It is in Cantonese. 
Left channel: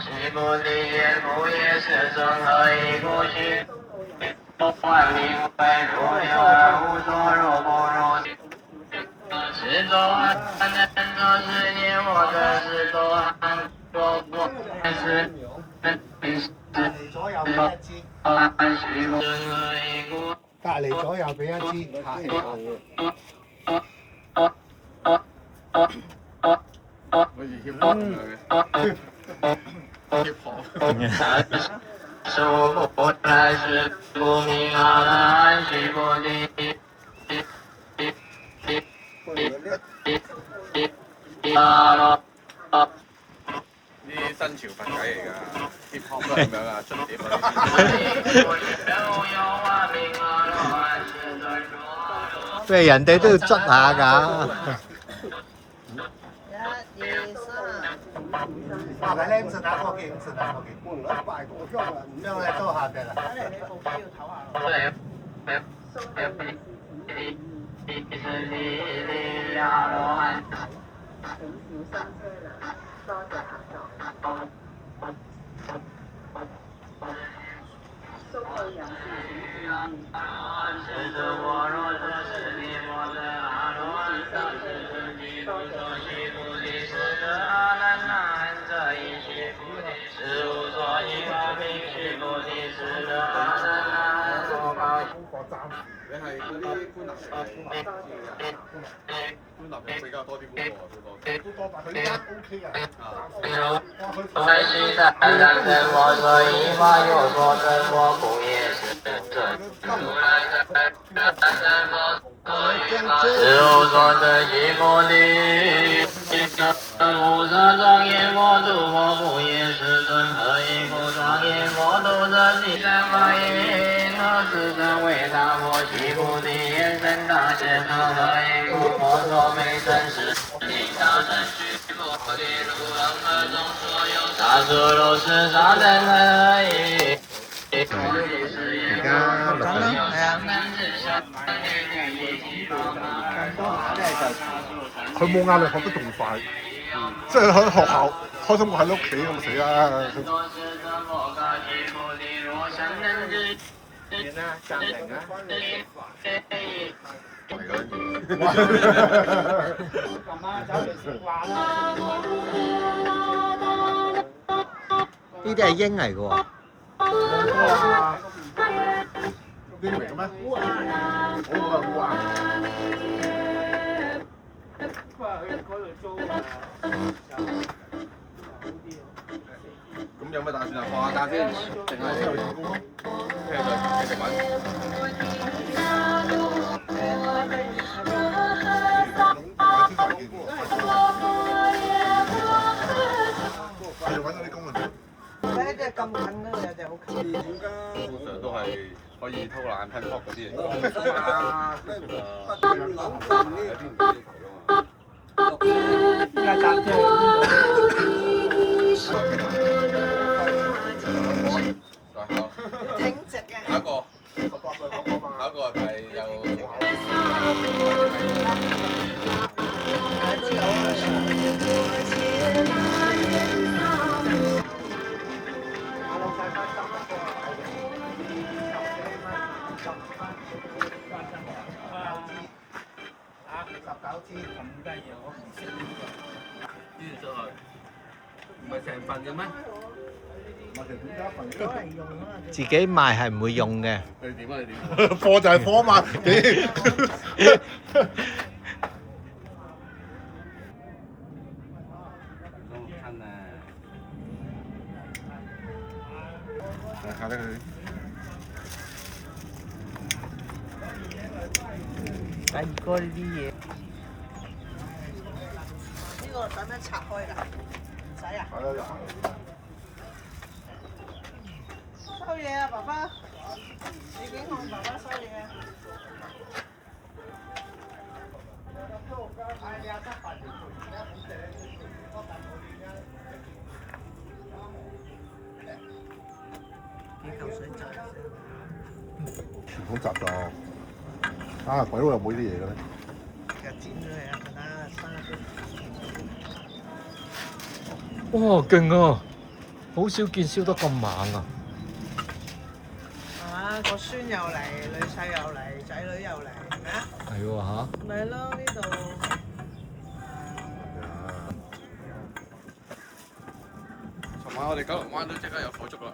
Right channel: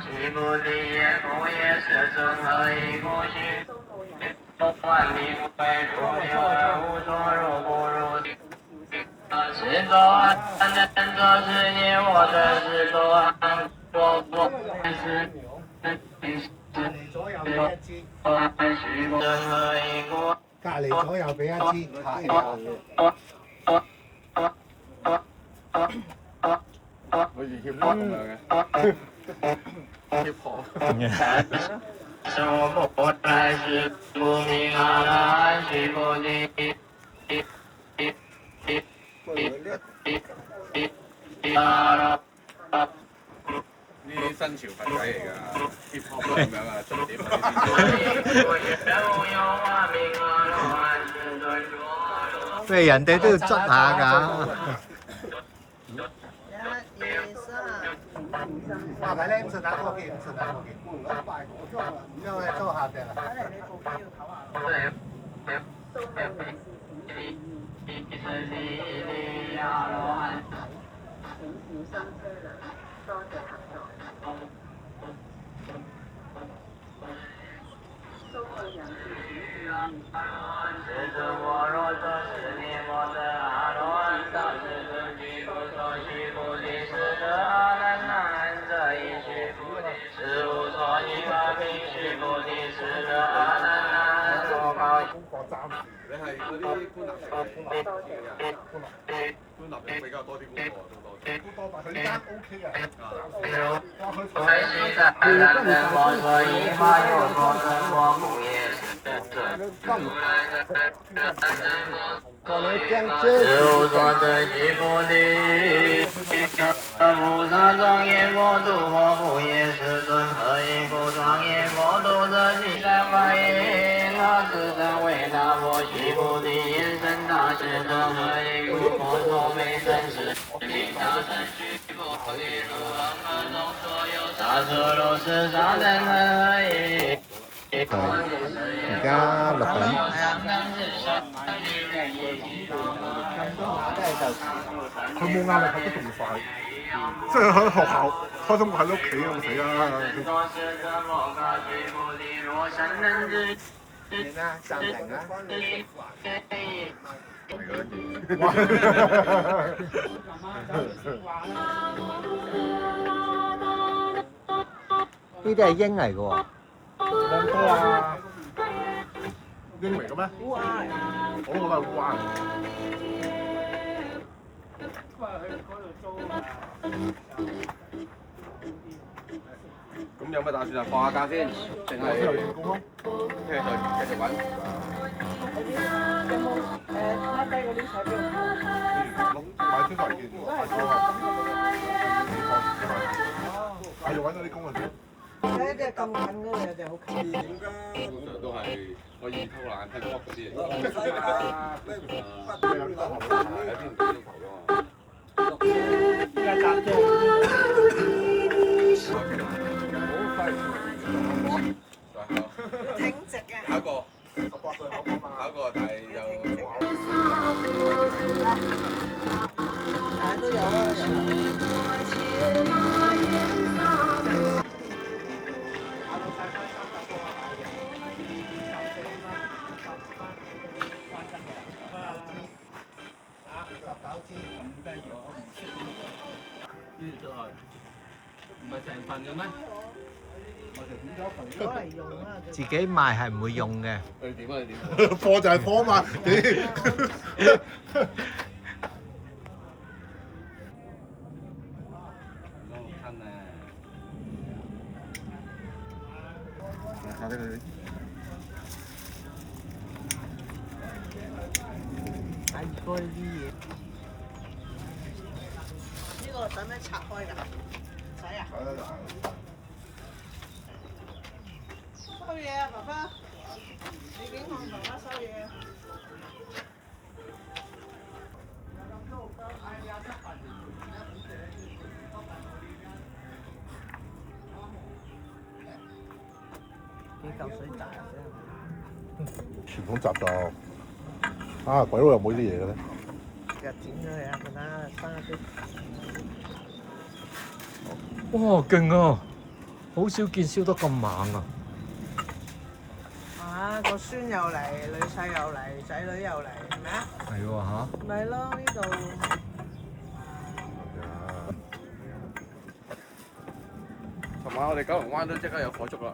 西部的野狗也是正和一股气，不管名为如流而无所入不入的。是左岸人做世界，我的是左岸，我是正和一股。隔離左右俾一支，手不还是不明啊，来水不离。呢啲新潮佛仔嚟㗎，hip hop 都係咁樣啊，出碟嗰啲。喂，人哋都要捽下㗎。爸爸咧50打過幾，50打過幾，咁樣係多下嘅啦。睇嚟你部機要唞下。你係嗰啲官立官立比較多啲官喎，好多。都多，但佢間 OK 嘅。事务所的一玻璃，无上庄严佛度我不也是尊和一故庄严佛度的第三法印，那自身为大佛西菩提眼神大师尊和一故佛所没真实，其他真虚佛地如恒河中所有大所都是大真和一。而家6佢冇壓力學得仲快，即係喺學校開心過喺屋企咁死啦。點啦？暫停啦！呢啲係鷹嚟嘅喎。英嚟嘅咩？烏鴉嚟嘅，我係烏鴉。咁有咩打算啊？放下假先，定係繼續揾？買出嚟見喎，係就揾到啲工人。睇呢隻咁近嗰度有隻好近。點㗎？通常都係可以偷懶噴撲嗰啲嚟。唔使㗎，咩唔挺直嘅。下一個係有。19支咁低嘢，我唔識呢個。呢就係唔係成份嘅咩？我哋點解份？攞嚟用啊！自己賣係唔會用嘅。你點啊？你點？貨就係貨嘛，親啊！睇下佢。第二個呢啲嘢，呢個使唔使拆開㗎？唔使啊！係啊，收嘢啊，爸爸！你警控爸爸收嘢啊！幾嚿水賺啊！傳統習慣。啊！鬼佬又冇呢啲嘢嘅咧。就剪咗佢啊！佢啦，生啲。哇，勁啊！好少見燒得咁猛啊！啊，個孫又嚟，女婿又嚟，仔女又嚟，係咪啊？係喎嚇。咪咯，呢度。尋晚我哋九龍灣都即刻有火燭啦。